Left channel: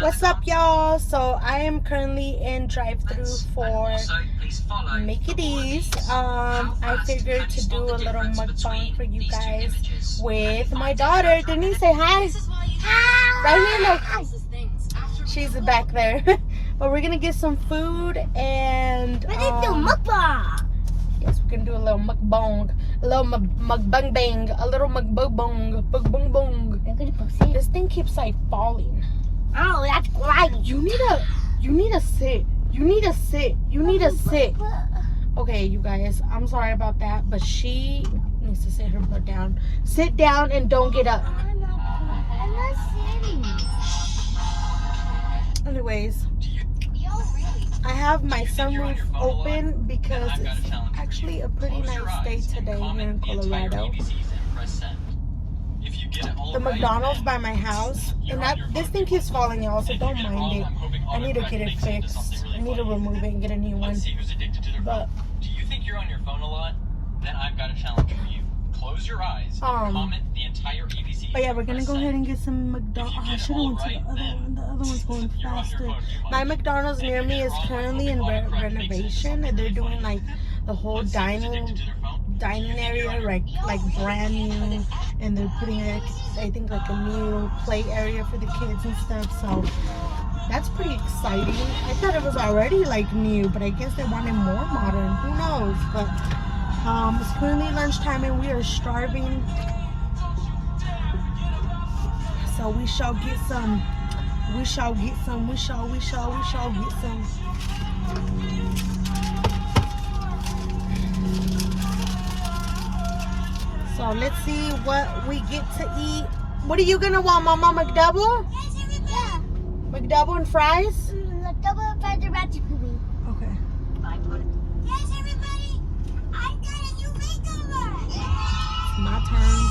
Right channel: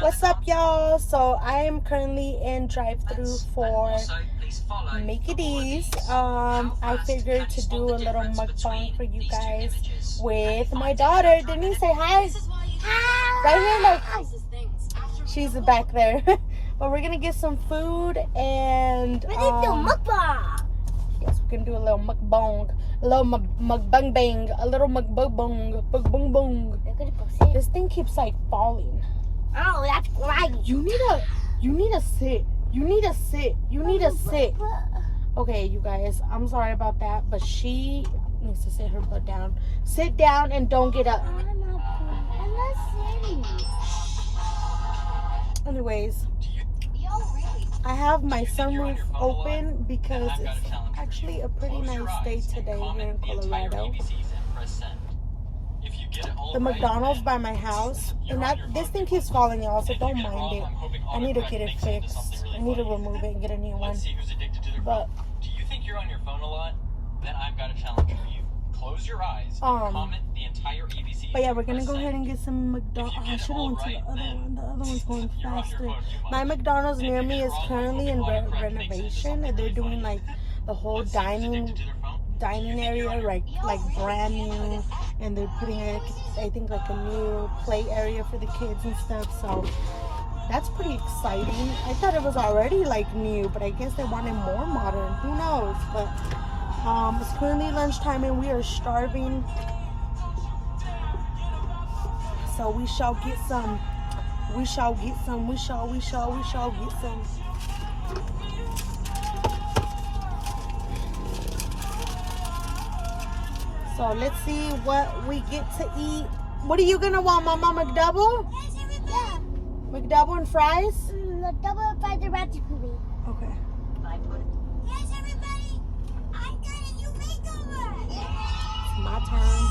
What's up, y'all? So I am currently in drive-thru for Mickey D's. I figured to do a little mukbang for you guys with my daughter. Didn't he say hi? Right here, look. She's back there. But we're gonna get some food and yes, we're gonna do a little mukbang, a little mukbang bang, a little mukbang bong. This thing keeps like falling. Oh, that's great. You need to sit. You need to sit. You need to sit. Okay, you guys, I'm sorry about that, but she needs to sit her butt down. Sit down and don't get up. I'm not sitting. Anyways, I have my sunroof open because it's actually a pretty nice day today here in Colorado. The McDonald's by my house, and this thing keeps falling, y'all, so don't mind it. I need to get it fixed. I need to remove it and get a new one. But do you think you're on your phone a lot? Then I've got a challenge for you. Close your eyes and comment the entire ABC. But yeah, we're gonna go ahead and get some McDonald's. I should have went to the other one. The other one's going faster. My McDonald's near me is currently in renovation, and they're doing like the whole dining area, like brand new, and they're putting like, I think, like a new play area for the kids and stuff. So that's pretty exciting. I thought it was already like new, but I guess they wanted more modern. Who knows? But it's currently lunchtime and we are starving. So we shall get some. We shall get some. We shall get some. So let's see what we get to eat. What are you gonna want, Mama? McDouble? McDouble and fries? McDouble and fries are ratchet for me. Okay. Yes, everybody. I got a new makeover. My turn.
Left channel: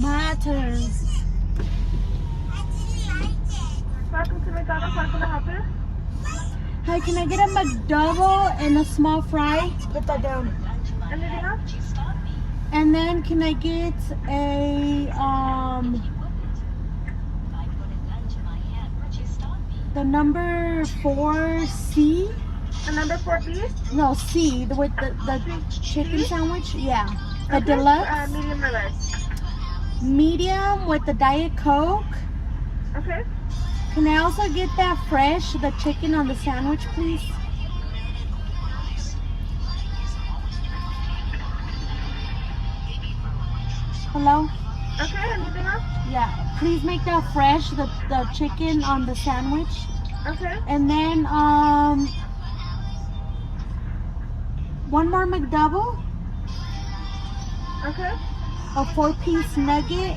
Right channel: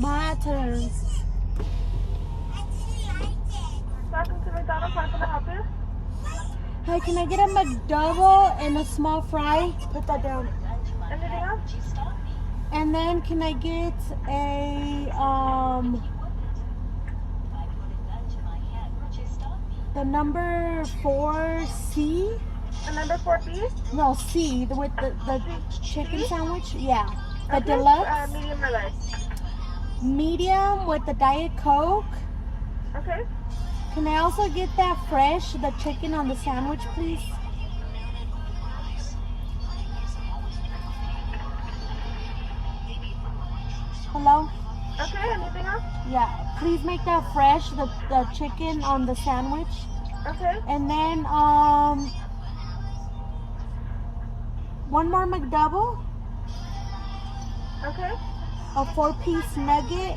My turn. Welcome to McDonald's. How can I help you? Hi, can I get a McDouble and a small fry? Put that down. Anything else? And then can I get a the number 4C? A number 4B? No, C, with the chicken sandwich. Yeah, the deluxe. Medium or large? Medium with the Diet Coke. Okay. Can I also get that fresh, the chicken on the sandwich, please? Hello? Okay, anything else? Yeah, please make that fresh, the chicken on the sandwich. Okay. And then one more McDouble, Okay. a 4-piece nugget,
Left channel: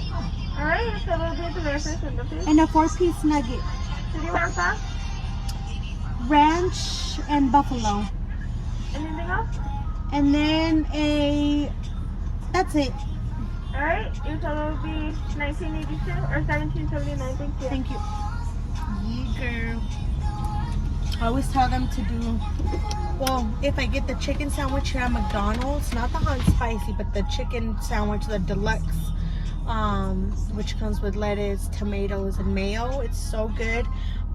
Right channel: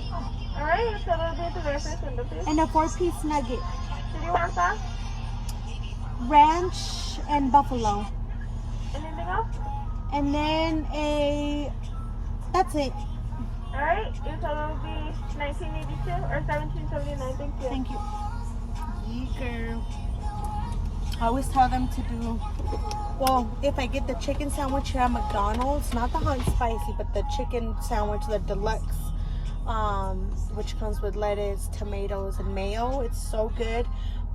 Alright, so we'll do the rest window, please. and a 4-piece nugget. Did you want sauce? Ranch and buffalo. Anything else? And then that's it. Alright, your total will be $19.82 or $17.79. Thank you. Thank you. Yeah, girl. I always tell them to do, well, if I get the chicken sandwich here at McDonald's, not the hot and spicy, but the chicken sandwich, the deluxe, which comes with lettuce, tomatoes, and mayo. It's so good.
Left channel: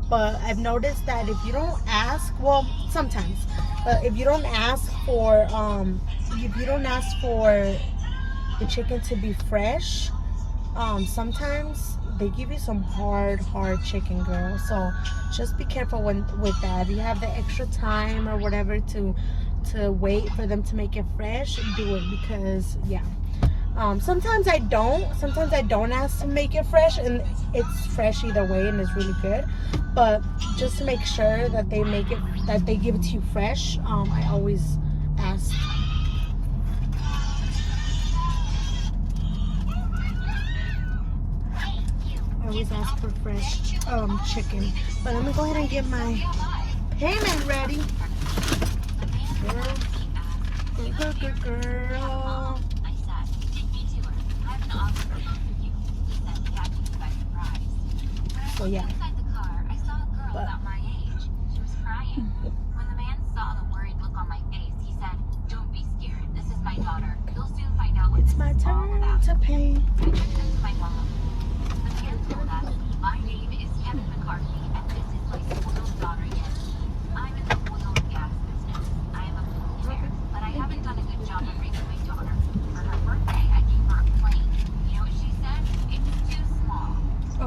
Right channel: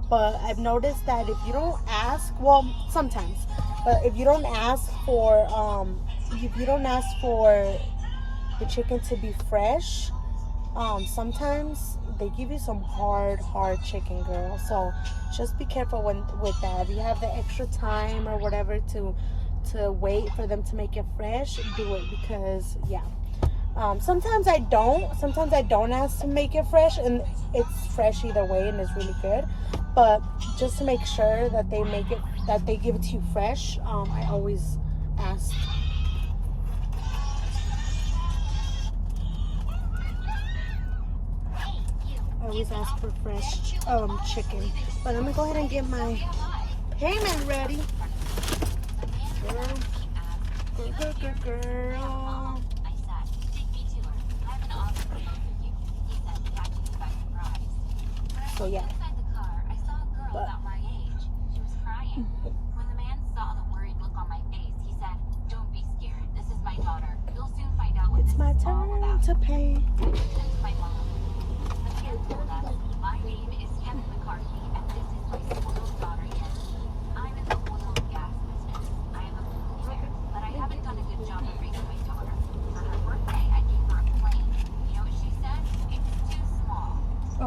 But I've noticed that if you don't ask, well, sometimes, but if you don't ask for the chicken to be fresh, sometimes they give you some hard chicken, girl. So just be careful with that. If you have the extra time or whatever to wait for them to make it fresh, do it, because yeah. Sometimes I don't ask to make it fresh, and it's fresh either way, and it's really good. But just to make sure that they give it to you fresh, I always ask. I always ask for fresh chicken. But I'm gonna go ahead and get my payment ready. Girl. So yeah. But when the man saw the worried look on my face, he said, "Don't be scared. This is my daughter. You'll soon find out what it's this my is all turn about." to pay. I took them to my mom. The man told us my name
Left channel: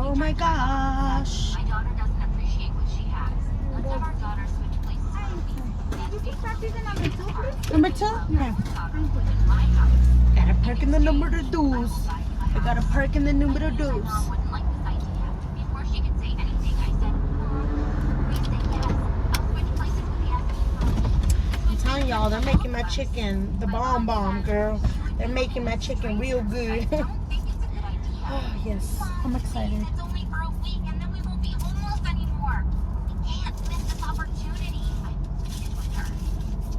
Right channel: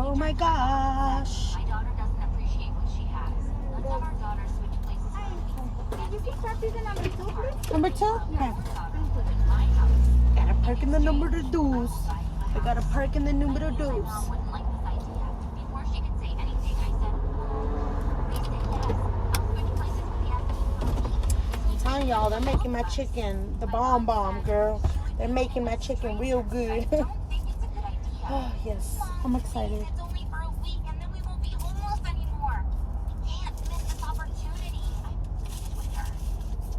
Oh my gosh. My daughter doesn't appreciate what she has. Let's have our daughter switch places with me. Number 2? Yeah. In my house. Gotta park in the number 2. I gotta park in the number 2. Mom wouldn't like this idea. Before she could say anything, I said, please say yes. I'll switch places with you. I'm telling y'all, they're making my chicken the bomb, girl. They're making my chicken real good. I don't think it's a good idea. Oh, yes. I'm excited. It's only for a week and then we won't be homeless anymore. I can't miss this opportunity. I pleaded with her.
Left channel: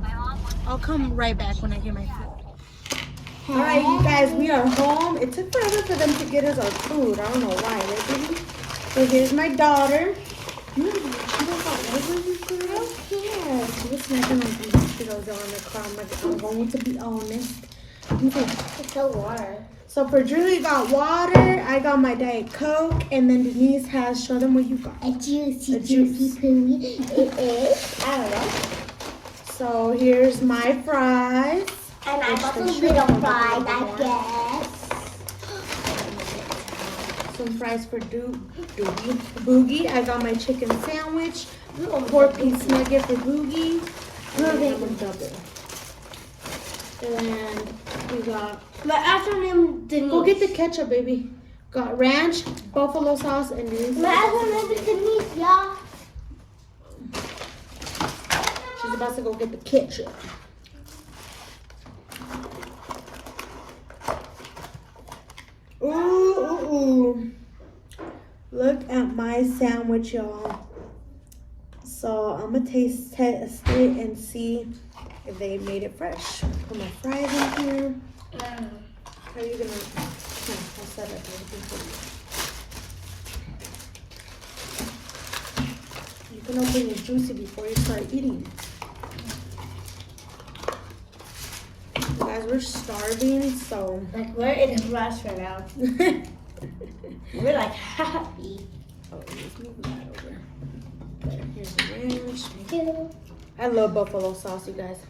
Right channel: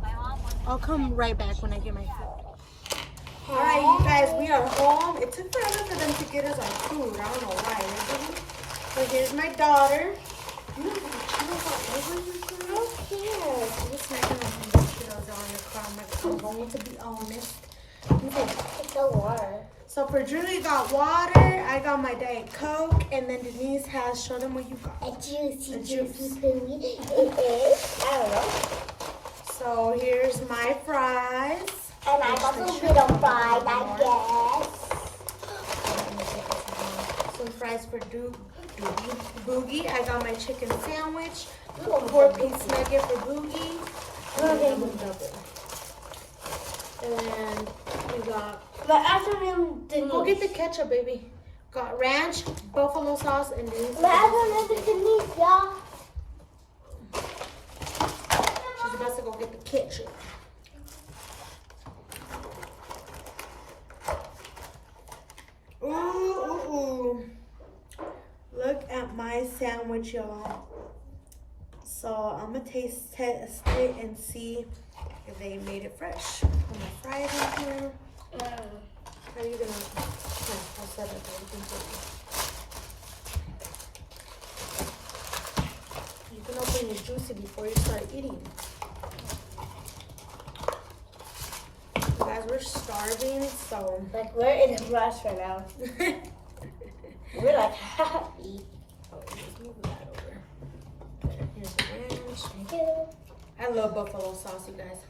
My mom was I'll come right back when I get my food. Alright, you guys, we are home. It took forever for them to get us our food. I don't know why, right, baby? So here's my daughter. You girl? Yes. We're snacking on some Cheetos on the car. I'm going to be honest. It's the water. So for Drew, you got water. I got my Diet Coke. And then Denise has, show them what you got. A juicy, A juice. juicy It is. I don't know. So here's my fries. And I got some little fries, I guess. Some fries for Boogie. I got my chicken sandwich. A 4-piece nugget for Boogie. And then I'm a double. And then we got... My acronym Denise. Go get the ketchup, baby. Got ranch, buffalo sauce, and Denise. My acronym is Denise, y'all. She's about to go get the ketchup. Ooh. Look at my sandwich, y'all. So I'm gonna test it and see if they made it fresh. Put my fries in here. How are you gonna? Yeah, I'll set up everything for you. You can open your juicy before you start eating. You guys, we're starving, so. Like, we're in a rush right now. We're like happy. Oh, let's move that over. There, here's the ranch. Yeah. I love buffalo sauce, you guys.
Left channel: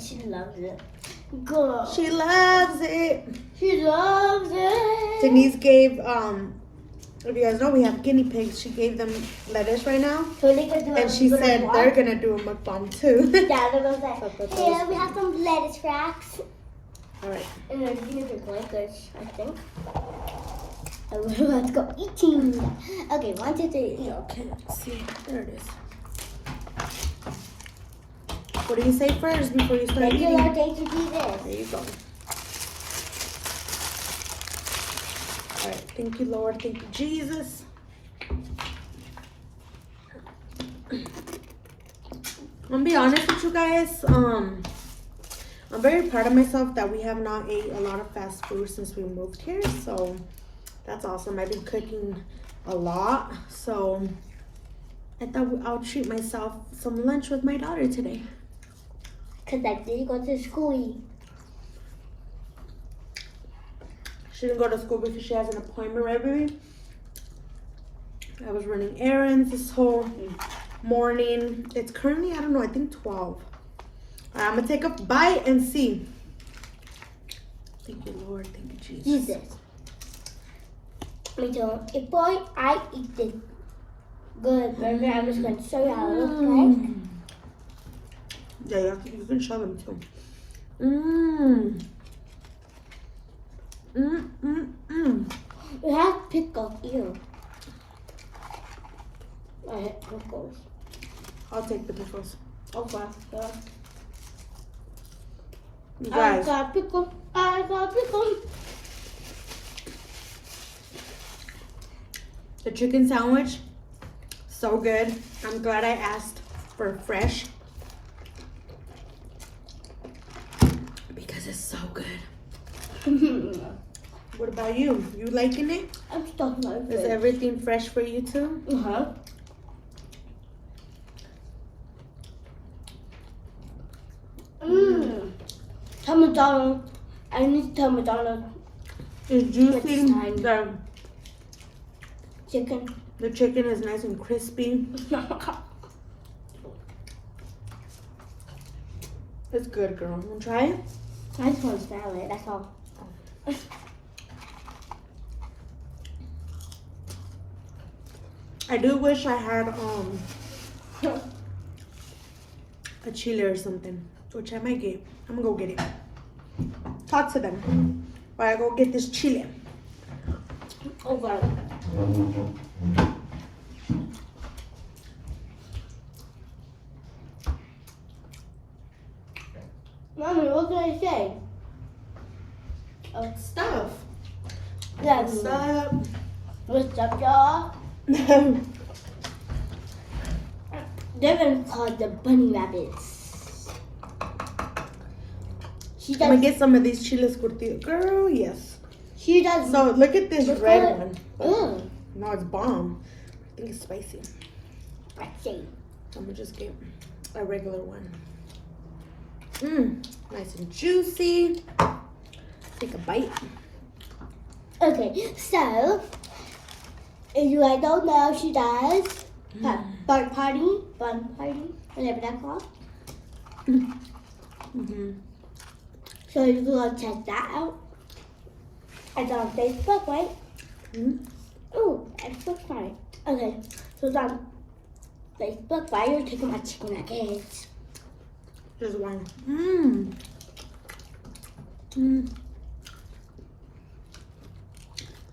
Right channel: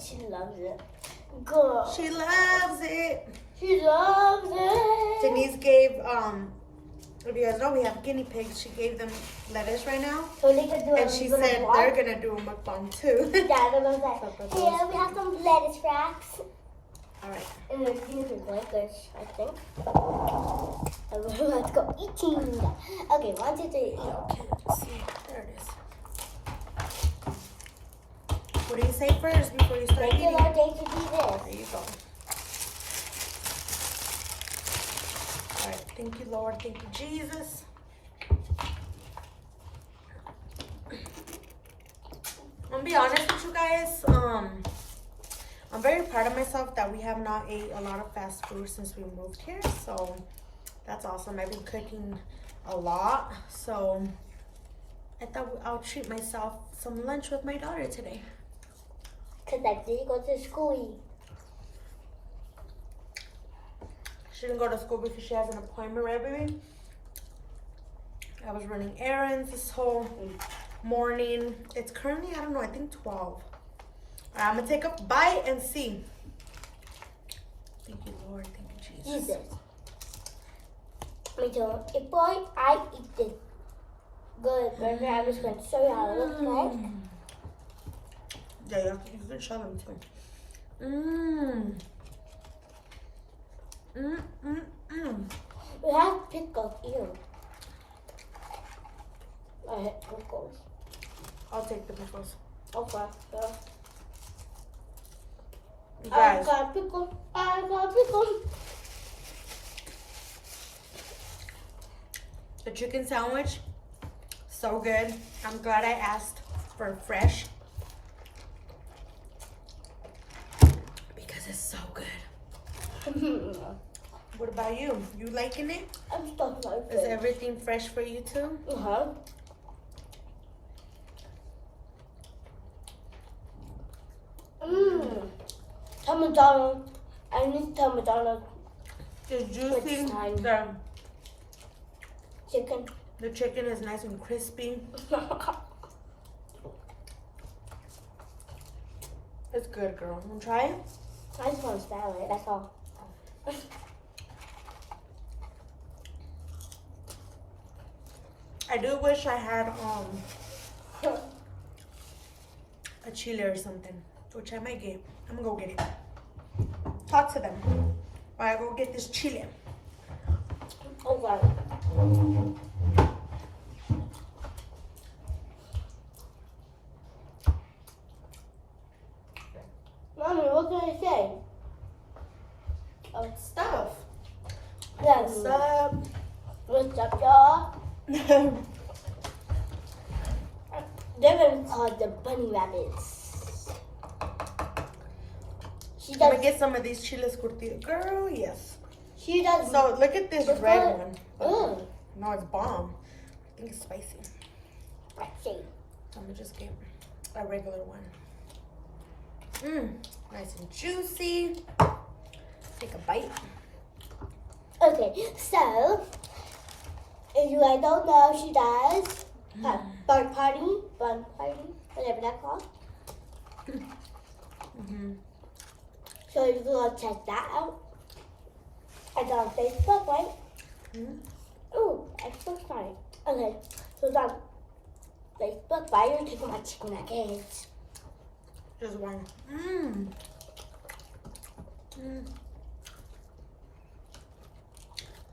She loves it. Girl. She loves it. She loves it. Denise gave, if you guys know, we have guinea pigs. She gave them lettuce right now. So they can do And she said they're going to do a mukbang too. Yeah, they're going to say, So yeah, we have some lettuce racks. All right. And then you can blankets, I think. Let's go eating. Okay, 1, 2, 3, eat. Okay, see, there it is. What do you say first before you start eating? Regular day to do this. There you go. All right, thank you, Lord. Thank you, Jesus. I'm gonna be honest with you guys. I'm very proud of myself that we have not ate a lot of fast food since we moved here. So that's awesome. I've been cooking a lot. So I thought I'll treat myself some lunch with my daughter today. Because I didn't go to school. She didn't go to school because she has an appointment, right, baby? I was running errands this whole morning. It's currently, I don't know, I think 12. I'm going to take a bite and see. Thank you, Lord. Thank you, Jesus. Jesus. Me too. If boy, I eat it. Good, baby. I'm just going to show you how it looks like. Yeah, you can show them too. Mmm. We have pickles here. I hate pickles. I'll take the pickles. Okay. Yeah. You I guys, got pickles. I got pickles. the chicken sandwich, so good. I'm glad I asked for fresh. Because it's so good. What about you? You liking it? I'm stuck in my Is face. everything fresh for you too? Uh-huh. Mmm. Tell McDonald's. I need to tell McDonald's It's juicy. Next time. Chicken. The chicken is nice and crispy. It's good, girl. You wanna try it? I just want to smell it, that's all. I do wish I had a chili or something, which I might get. I'm gonna go get it. Talk to them while I go get this chili. Okay. Mommy, what did I say? Oh, Stuff. yeah. What's up? What's up, y'all? They're gonna call the bunny rabbits. She I'm gonna does. get some of these chiles curtidos. Girl, yes. She does. So look at this Let's red call one. it- No, it's bomb. I think it's spicy. Let's see. I'm gonna just get a regular one. Mmm, nice and juicy. Take a bite. Okay, so if you guys don't know, she does bun party, whatever that's called. Mm-hmm. So you can go check that out. It's on Facebook, right? Mm-hmm. Oh, Facebook, right? Okay, so it's on Facebook. Why are you taking my chicken nuggets? Just one. Mmm. Mmm.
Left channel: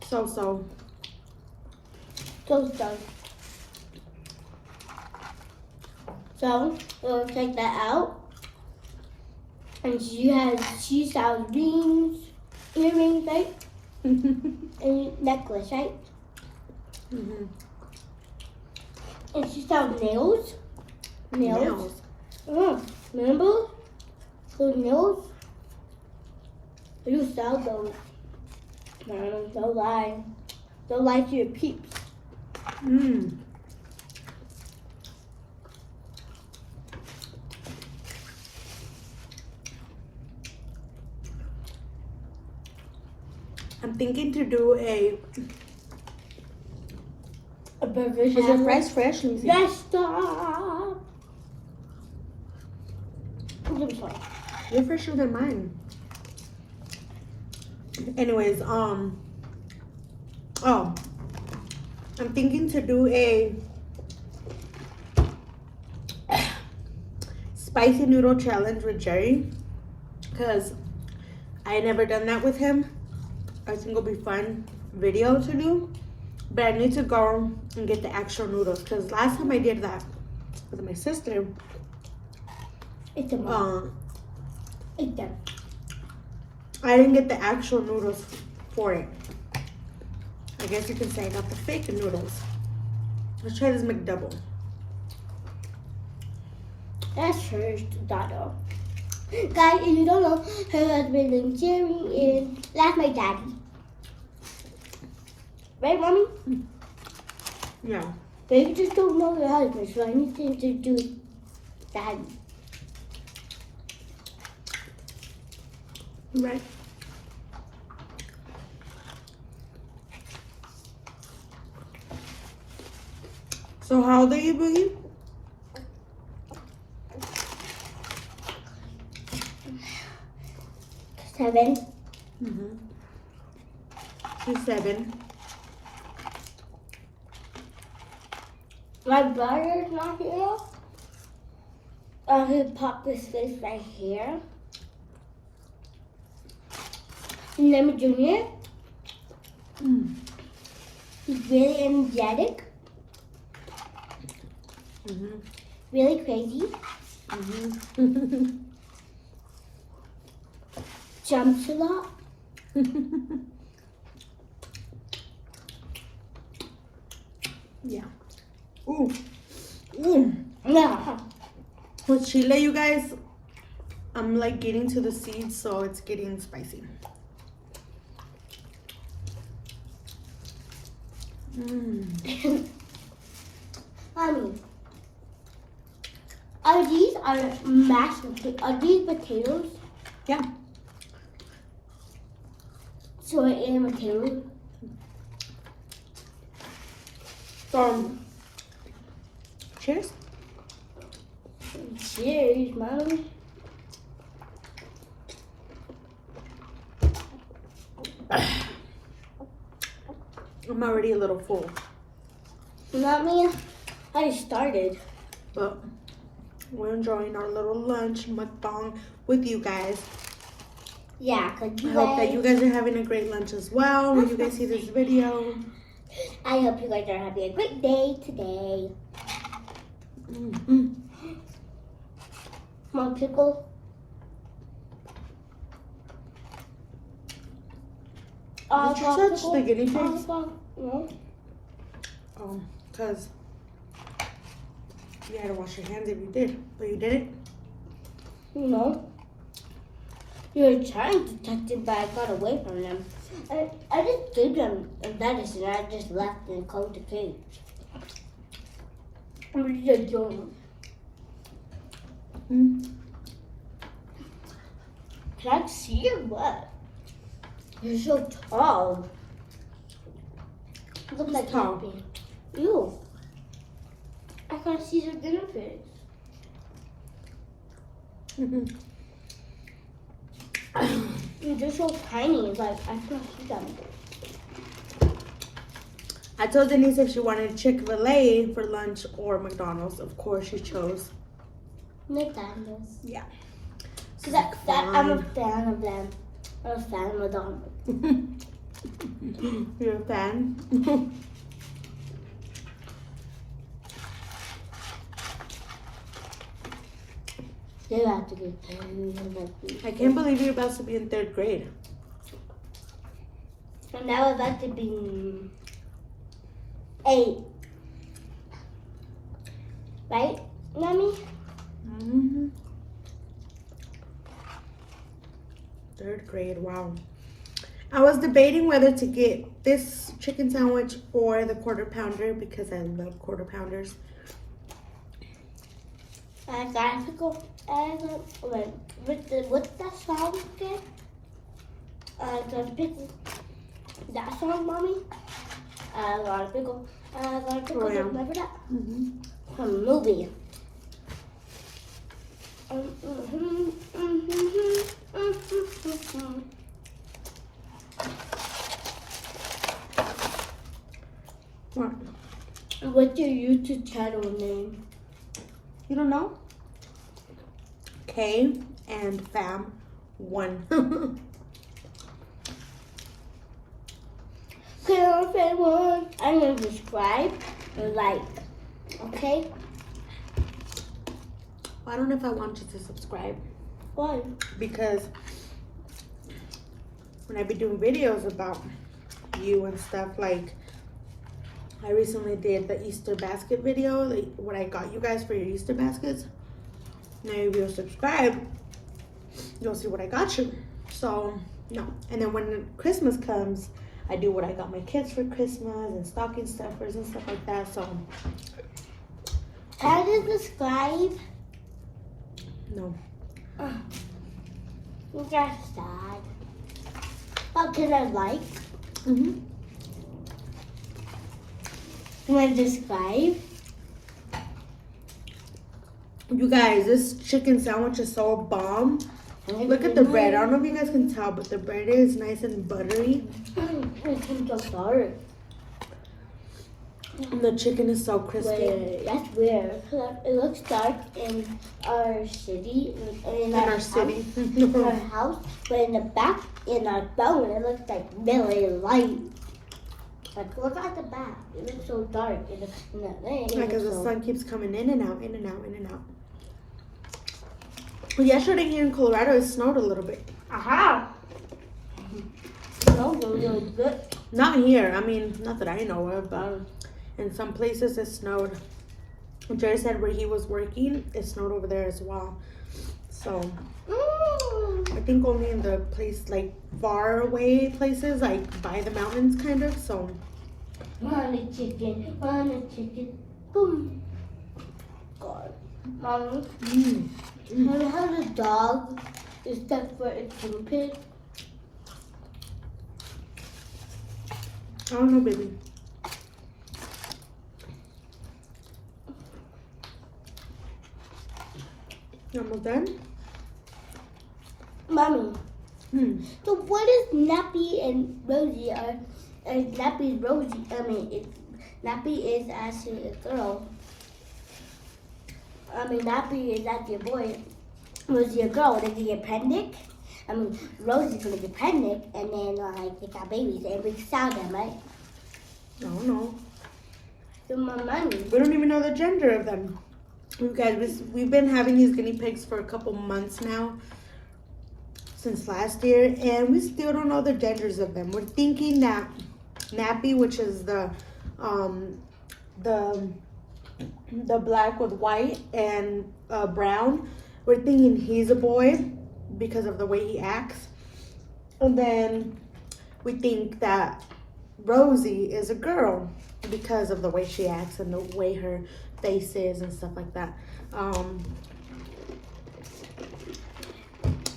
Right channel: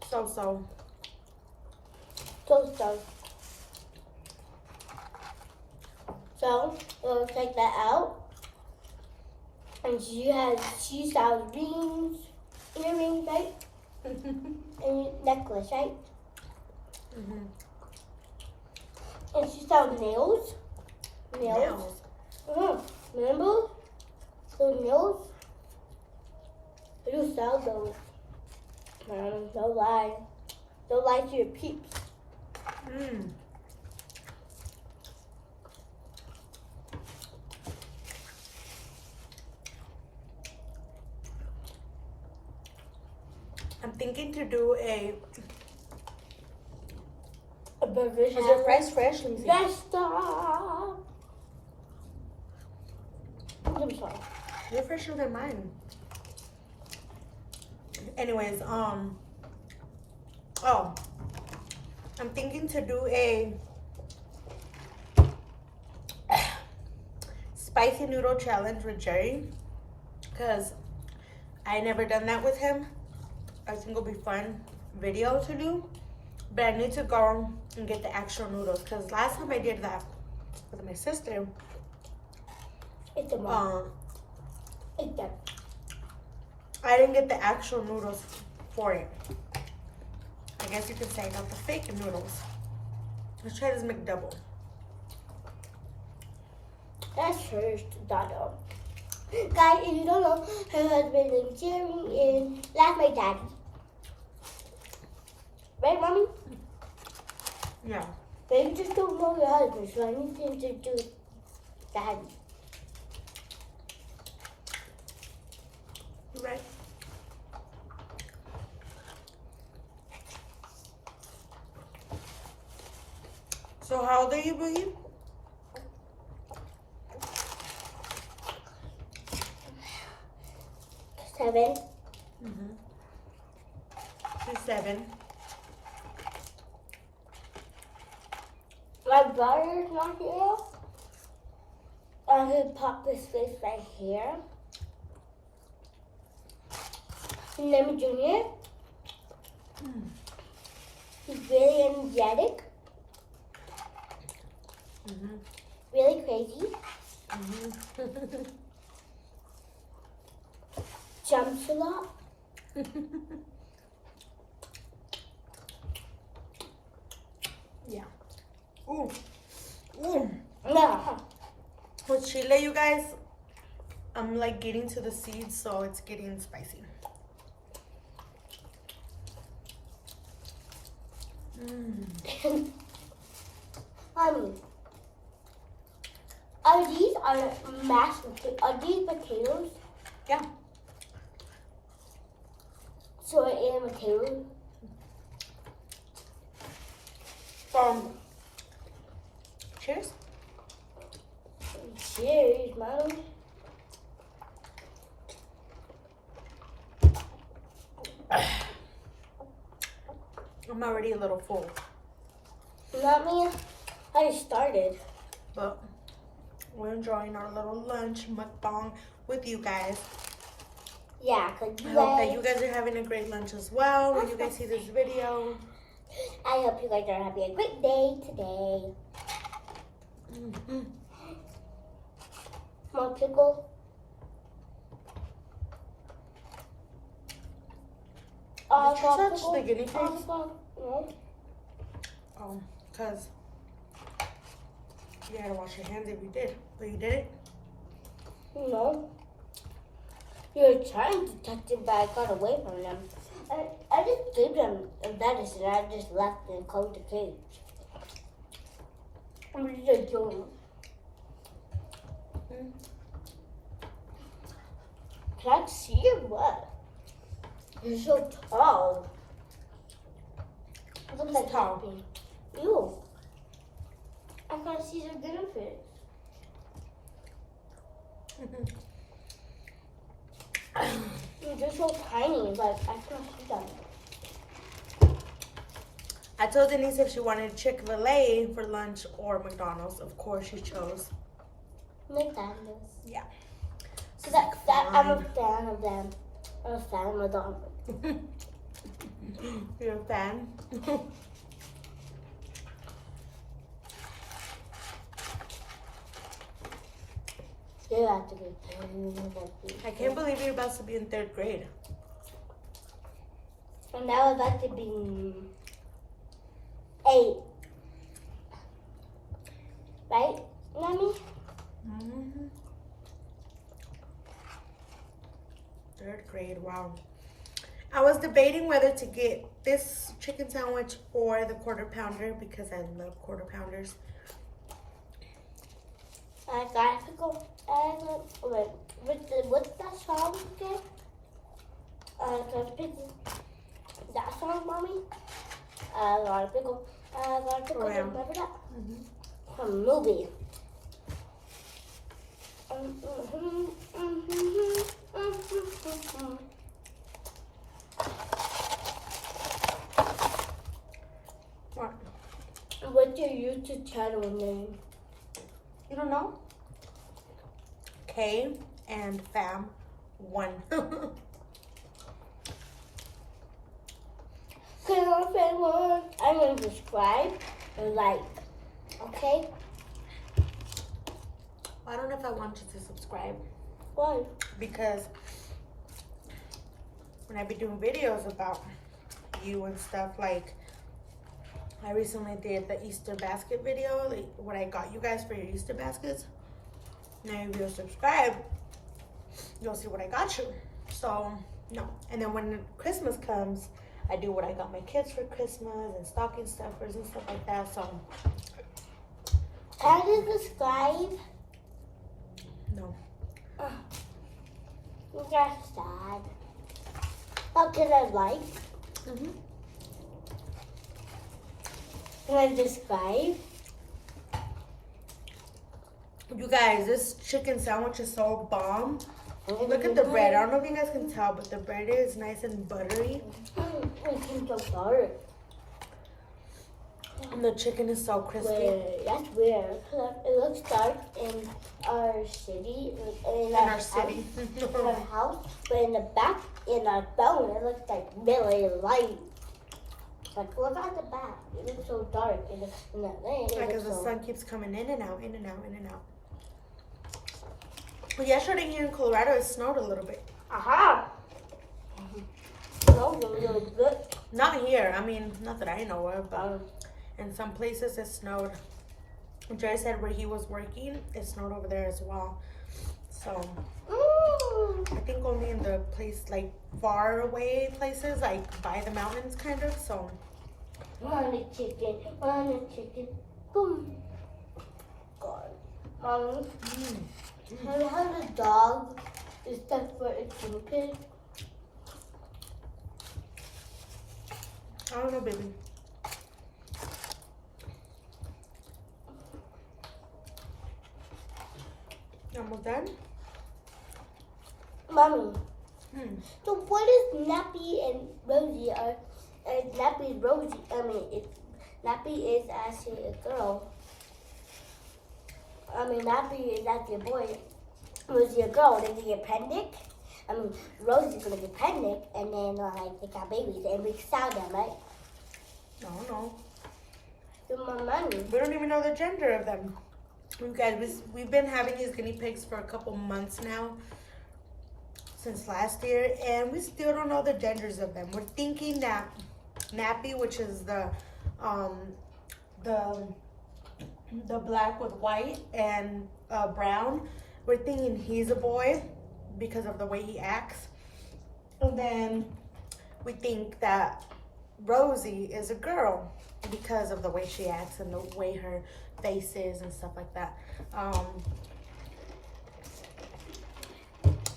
So. So. So we'll check that out. And she sells rings, earrings, right? And necklace, right? Mm-hmm. And she sells nails. Nails. Remember those nails? You sell those. No, don't lie. Don't lie to your peeps. Mmm. I'm thinking to do a burger is your sandwich. fries fresh? Let me see. Let's stop. I'm sorry. You're fresher than mine. Anyways, oh, I'm thinking to do a spicy noodle challenge with Jerry, because I never done that with him. I think it'll be fun video to do, but I need to go and get the actual noodles, because last time I did that with my sister, It's a mom. It's them. I didn't get the actual noodles for it. I guess you can say not the fake noodles. Let's try this McDouble. That's her daughter. Guys, if you don't know, her husband named Jerry is that's my daddy. Right, mommy? Yeah. But you just don't know your husband, so I need to introduce daddy. Right. So how old are you, Boogie? 7. Mm-hmm. She's 7. My brother's not here. I could pop this face right here. And then Junior. He's really energetic, Mm-hmm. really crazy, Mm-hmm. jumps a lot. Yeah. Ooh. Ooh. Yeah. With chile, you guys, I'm like getting to the seeds, so it's getting spicy. Mommy, are these mashed potatoes? Are these potatoes? Yeah. So I am potatoes. So, cheers. Cheers, Mommy. I'm already a little full. Mommy, I started. But we're enjoying our little lunch mukbang with you guys. Yeah, because I hope that you guys are having a great lunch as well when you guys see this video. I hope you guys are having a great day today. More pickle. Did you touch the guinea pigs? No. Because you had to wash your hands if you did, but you didn't. No. You were trying to touch it, but I got away from them. I just gave them medicine. I just left and closed the cage. What did you do? Can I see or what? You're so tall. Look like tall? nothing. Ew. I can't see the guinea pigs. They're so tiny, like I can't see them. I told Denise if she wanted Chick-fil-A for lunch or McDonald's. Of course, she chose McDonald's. Yeah. So that I'm a fan of them. I'm a fan of McDonald's. You're a fan? They have to be. I can't believe you're about to be in 3rd grade. And I would like to be 8. Right, Mommy? Mm-hmm. 3rd grade, wow. I was debating whether to get this chicken sandwich or the quarter pounder because I love quarter pounders. I got a pickle. What's that song again? I got a pickle. That song, Mommy? I got a pickle. I got a pickle. Oh, yeah. Remember that? Mm-hmm. From a movie. What? What's your YouTube channel name? You don't know? K and Fam 1. I'm going to subscribe and like. Okay? I don't know if I want you to subscribe Why? because when I be doing videos about you and stuff, like I recently did the Easter basket video, like what I got you guys for your Easter baskets. Now if you subscribe, you'll see what I got you. So no. And then when Christmas comes, I do what I got my kids for Christmas and stocking stuffers and stuff like that. So Can you subscribe? no. That's sad. What can I like? Mm-hmm. Can I subscribe? You guys, this chicken sandwich is so bomb. Look at the bread. I don't know if you guys can tell, but the bread is nice and buttery. It's so dark. And the chicken is so crispy. Wait, that's weird. It looks dark in our city. In our city. house, in our house, but in the back, in our phone, it looks like really light. Like, look at the back. It looks so dark. Because the sun keeps coming in and out, in and out, in and out. Well, yesterday here in Colorado, it snowed a little bit. Aha! No, really good. Not here. I mean, not that I know of, but in some places it snowed. Jerry said where he was working, it snowed over there as well. So I think only in the place, like far away places, like by the mountains kind of. So One chicken, boom. God. Mommy, Mommy, how the dog is that for its guinea pig? I don't know, baby. You almost done? Mommy, So what is Nappy and Rosie are Nappy Rosie? I mean, it's Nappy is actually a girl. I mean, Nappy is actually a boy. Rosie a girl. They get pregnant. I mean, Rosie's gonna get pregnant, and then like they got babies, and we sell them, right? I don't know. So my money. We don't even know the gender of them. You guys, we've been having these guinea pigs for a couple months now, since last year, and we still don't know the genders of them. We're thinking that Nappy, which is the black with white and brown, we're thinking he's a boy because of the way he acts. And then we think that Rosie is a girl because of the way she acts and the way her face is and stuff like that.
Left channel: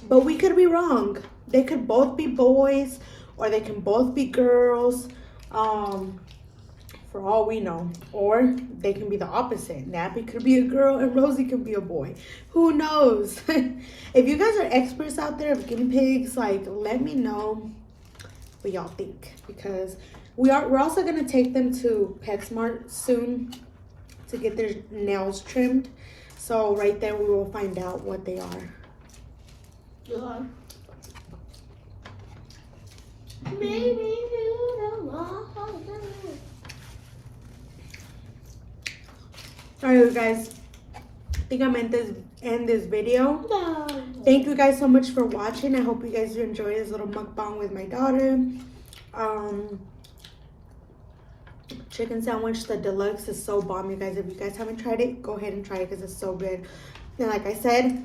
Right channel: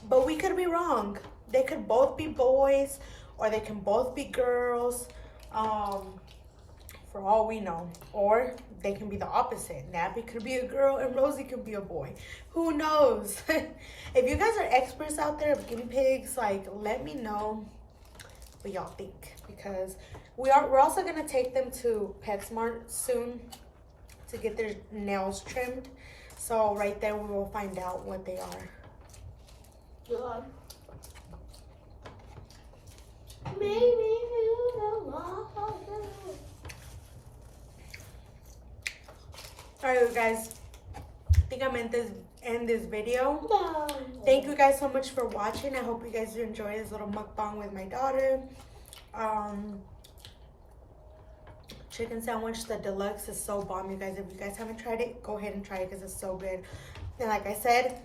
But we could be wrong. They could both be boys or they can both be girls, for all we know. Or they can be the opposite. Nappy could be a girl and Rosie could be a boy. Who knows? If you guys are experts out there of guinea pigs, like, let me know what y'all think, because we're also gonna take them to PetSmart soon to get their nails trimmed. So right there we will find out what they are. Alright, guys, I think I'm end this video. Thank you guys so much for watching. I hope you guys enjoyed this little mukbang with my daughter. Chicken sandwich, the deluxe, is so bomb, you guys. If you guys haven't tried it, go ahead and try it because it's so good. And like I said,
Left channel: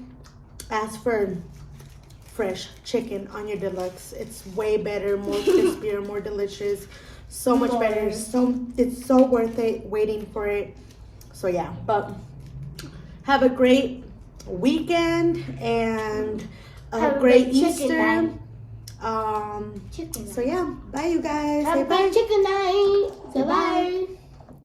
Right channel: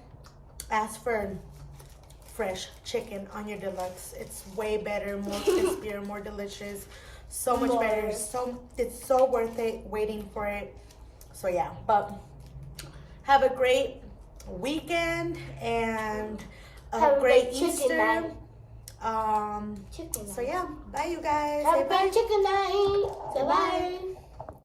ask for fresh chicken on your deluxe. It's way better, more crispier, more delicious, so much better. It's so worth it waiting for it. So yeah, but have a great weekend and a great Easter. So yeah, bye you guys. Have Say a bye. chicken night. Say Bye.